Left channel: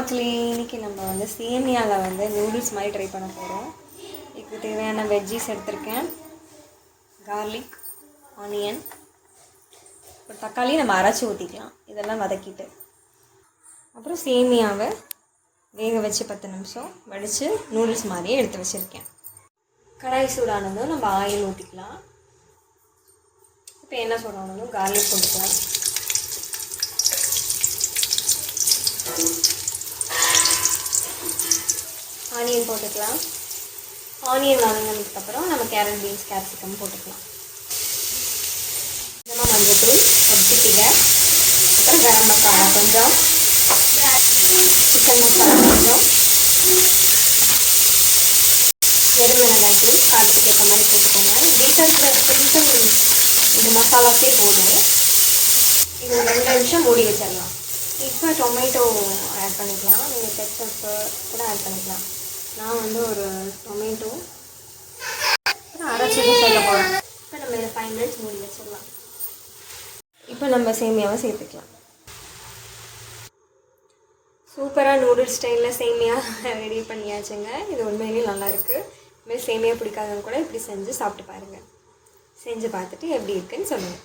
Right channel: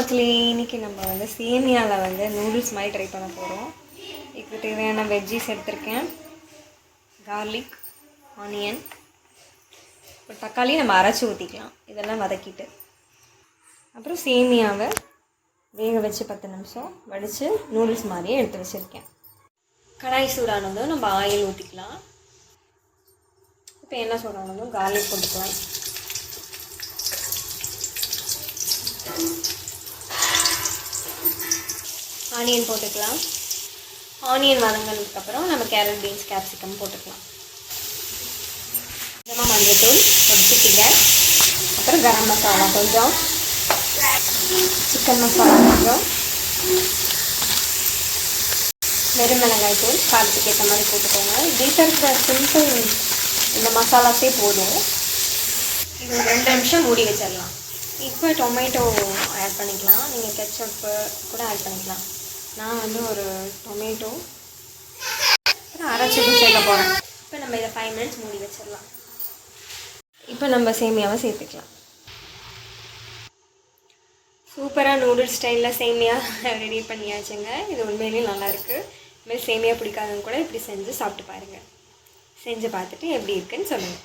மக்களே, இன்றைக்கி நம்ம வந்து சேமியாவில் வந்து நூடுல்ஸ் மாதிரி ட்ரை பண்ண போகிறோம். இதுக்கு தேவையான வெஜ்ஜீஸ் எடுத்திருக்கேன். கார்லிக், ஆனியன், ஒரு தக்காளி நம்ம அரைச்சி ஊற்றிக்கலாம். இதெல்லாம் வதக்கிட்டு அப்புறம் சேமியாவை வேக வச்சு 10 நிமிஷம் வடித்து நூடுல்ஸ் மாதிரியே எடுத்து வச்சுருக்கேன். கடாய் சூடானதும் நம்ம ஆயில் ஊற்றிக்கலாம். இப்போ என்ன சூடானதும் கார்லிக் போட்டுக்கலாம். ஆனியன் போட்டுக்கலாம். ஆனியன் வதங்கினதுக்கப்புறம் நம்ம கேரட், பீன்ஸ், கேப்சிகம் போட்டுக்கலாம். கொஞ்சமாக மஞ்சத்தூள் ஒரு சிட்டிகை, அப்புறம் கரம் மசாலா கொஞ்சம், சிக்கன் மசாலா கொஞ்சம், வெறுமிளகாய் தூள் காரத்துக்கு ஏற்ற மாதிரி போட்டுக்கோங்க. வீட்டில் இருக்கிற சிம்பிள் இந்த மசாலாஸே போதும். இது ஒரு 2 நிமிஷம் மூடி வச்சிடலாம். இப்போ டொமேட்டோ ஆட் பண்ணிக்கலாம். நீங்கள் கெட்சப்பு கூட ஆட் பண்ணிக்கலாம். நான் வந்து ஒரு டொமேட்டோ அரைச்சி சேர்க்க போகிறேன். இப்போ நம்ம இதை 5 மினிட்ஸ் மூடி வச்சிடலாம். இப்போ நம்ம சேமியாவை சேர்த்துக்கலாம். சூப்பராக நூடுல்ஸ் ஸ்டைலில் சேமியா ரெடி பண்ணியாச்சுங்க. இது உண்மையிலேயே நல்லாயிருக்கு. இதுமாதிரி சேமியா பிடிக்காதவங்க கூட இப்படி செஞ்சு சாப்பிட்டு பாருங்கள். செஞ்சு பார்த்துட்டு எப்படி இருக்குன்னு சொல்லுங்கள்.